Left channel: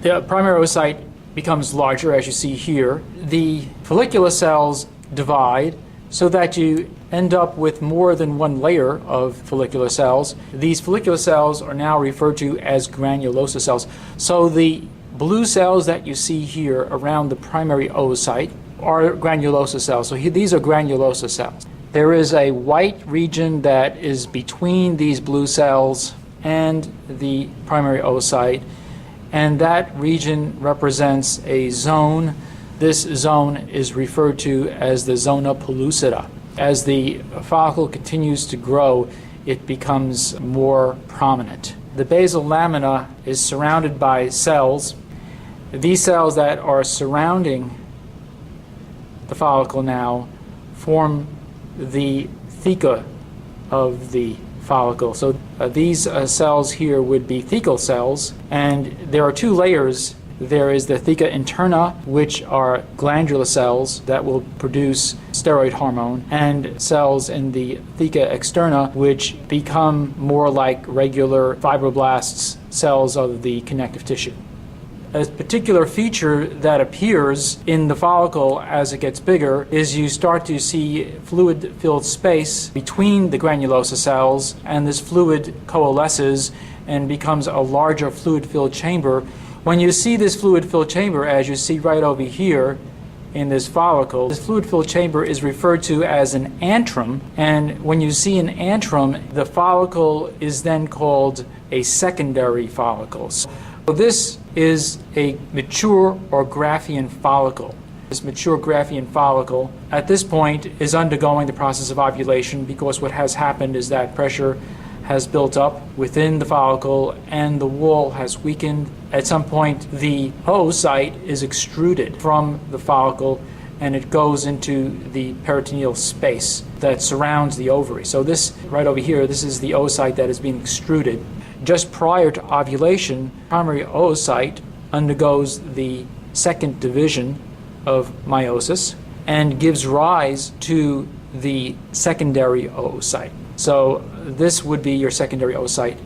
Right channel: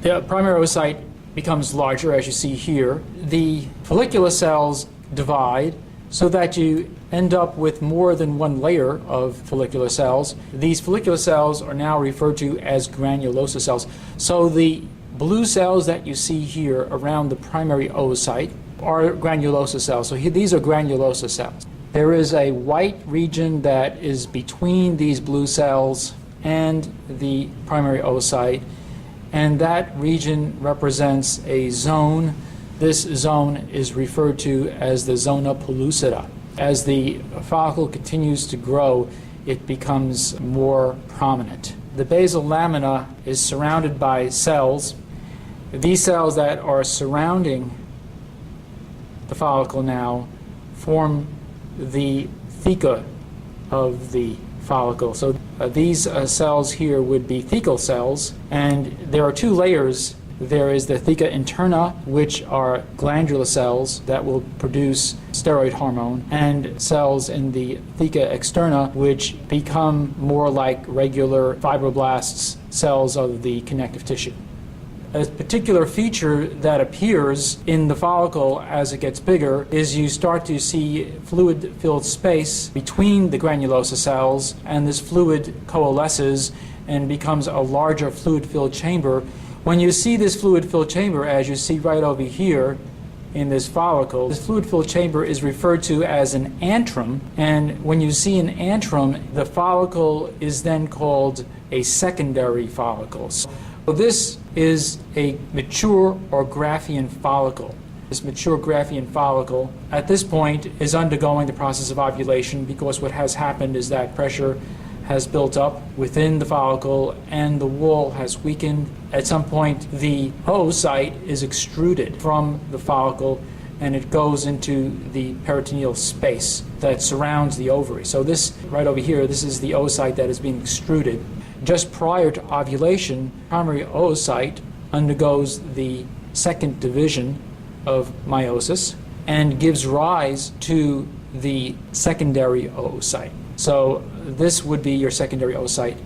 The primary oocyte becomes larger, as you see here. The follicular cells divide so that you end up with more than one layer of follicular cells. These follicular cells are now referred to as granulosa cells. So the blue cells that you see here around the primary oocyte are granulosa cells. So these are granulosa cells. There is a white region that is between these blue cells and the primary oocyte, and that region represents a zone. This zone is referred to as the zona pellucida. As the follicle continues to grow, it becomes more prominent. The basal lamina is surrounded by cells. These cells that are surrounding the follicle now form the theca of the follicle. So these cells here would be thecal cells, and there are two layers. There is the theca interna, which are glandular cells that will produce steroid hormone, and cells in the theca externa, which become more like regular fibroblasts, cells of the connective tissue. A particular feature that appears in the follicle as it gets bigger is you start to see fluid-filled space between the granulosa cells, and this fluid coalesces and becomes a larger fluid-filled chamber. When you see this fluid-filled chamber, as you see right over here in this follicle, this fluid-filled chamber is referred to as an antrum, and when you see an antrum, the follicle is then called a secondary follicle. So this is a mature or Graafian follicle. This mature Graafian follicle at this point is undergoing the process of ovulation, because what has happened is that pressure has built up within the follicle and the wall has weakened. At some point, the oocyte is extruded from the follicle and it goes into the peritoneal space that surrounds the ovary. So this right over here, this is the oocyte that is being extruded. Just prior to ovulation, primary oocyte undergoes the second division of meiosis and gives rise to the secondary oocyte. So this would be your secondary oocyte.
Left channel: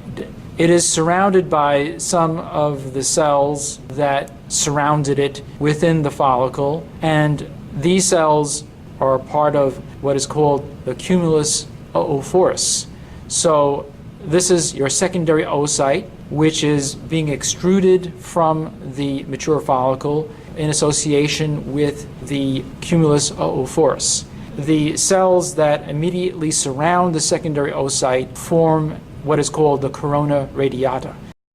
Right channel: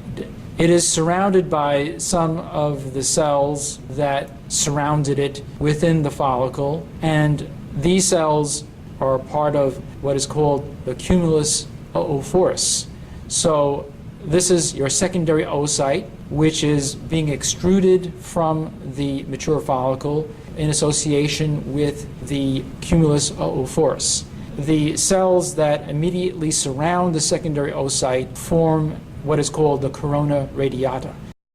It is surrounded by some of the cells that surrounded it within the follicle, and these cells are part of what is called the cumulus oophorus. So this is your secondary oocyte, which is being extruded from the mature follicle in association with the cumulus oophorus. The cells that immediately surround the secondary oocyte form what is called the corona radiata.